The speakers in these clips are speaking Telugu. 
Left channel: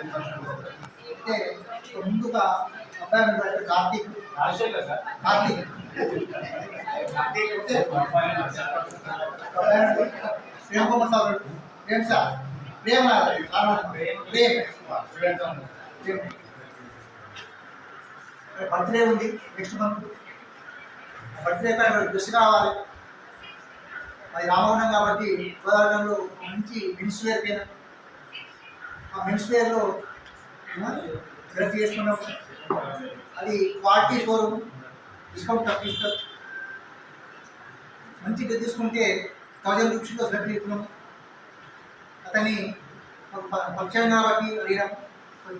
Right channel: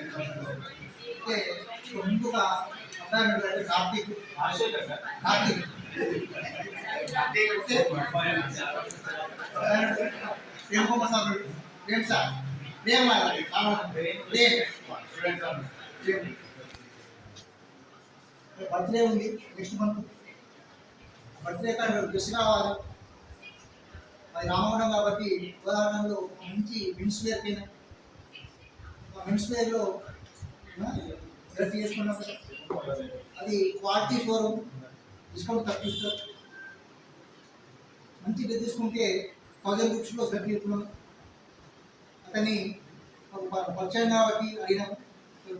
అంటే ముందుగా అబ్బాయి మీద Karthik Karthik Prem Kumar sir Prem sir Prem Prem birthday ఉంది నెక్స్ట్ మంత్. బర్త్డే డ్రెస్ కావాలి. అది రామగుండం కాబట్టి గోదావరిలో మంచి మెన్స్ వేర్ పైన ఆ మెన్స్ వేర్లో సెలెక్ట్ చేసుకున్నాం. అది క్వాలిటీ షోరూమ్, డిస్కౌంట్ తప్పిస్తారు. మంచి డ్రెస్ తీసుకుంటే 1000 రూపీస్లో సెలెక్ట్ చేసుకున్నాం. అతని పరిచయం కాబట్టి అడిగినాం.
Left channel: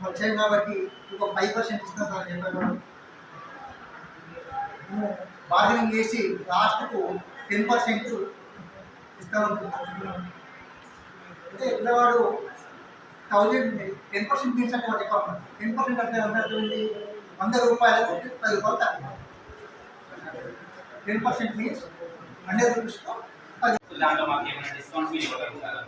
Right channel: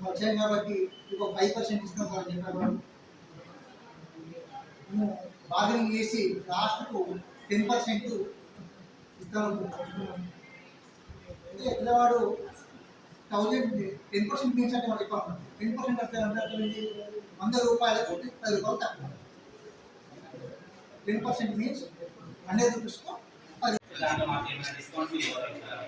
పరిచయం కాబట్టి ఇంకో 5% ఇస్తాం సార్ చెప్పారు. మేము బార్గెనింగ్ చేసి లాస్ట్కు 10% ఇస్తామనుకుంటున్నాం. అంటే పిల్లవాడు 10% మీన్స్ అంటే వాడు ఎక్కువ 10% అంటే ఉంటుంది 100 రూపాయలకు 10 రూపాయలు తక్కువ. 10% మీన్స్ 100 రూపీస్తో దాంట్లో మాకు ఏమైనా డిస్కౌంట్ మీరు ఇవ్వగలుగుతారా?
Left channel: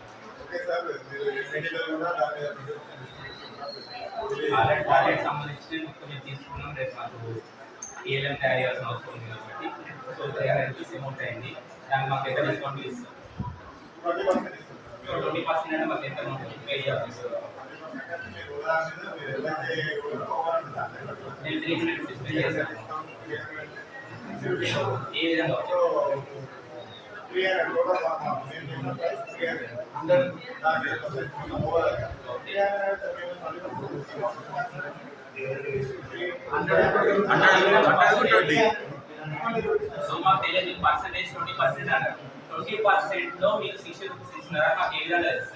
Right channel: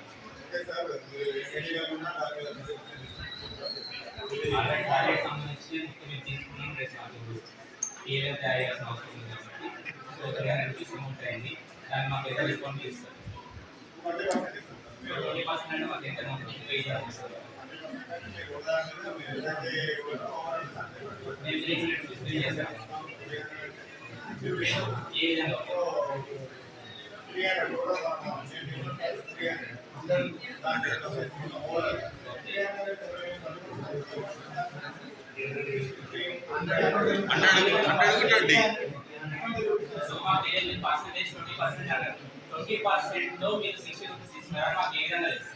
ఆల్రెడీ సంబంధించి మొత్తం మేము తీసుకున్నాం. రేపు మాకు ఏళ్ళని తయారు చేయాల్సిన అవసరం ఉంది కాబట్టి సో 300 రూపీస్ అమౌంట్ అయింది. దాన్ని మాకు ఎంత డిస్కౌంట్ ఇస్తాం? 20% అంటే మాకు ఎంత అమౌంట్ అవుతుంది? నేను 300 రూపీస్ పే చేస్తాను. ఏ విధంగా సో మాకు తెలియదు పర్సెంటేజ్ 20% అన్నారు. 20%లో మీరు 60 రూపీస్ ఇస్తున్నారా? మాకు ఏ విధంగా తెలుసు?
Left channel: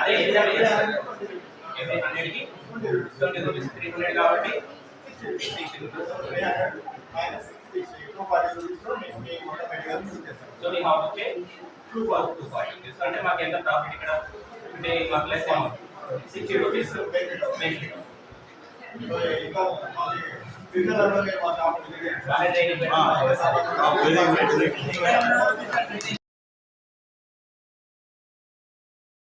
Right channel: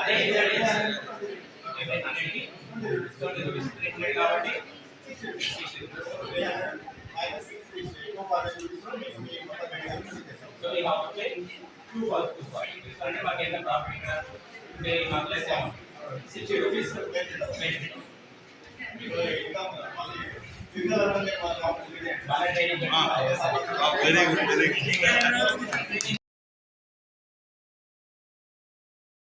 అదే ఎగ్జాక్ట్ చేస్తారు. 100కి 20 రూపీస్ 300 కాబట్టి 60 rupees. So me out pay 240 అంటే మాకు ఎంత ప్రాఫిట్ ఇక్కడ అంటే మాకు less amount 60 rupees benefit. Very good.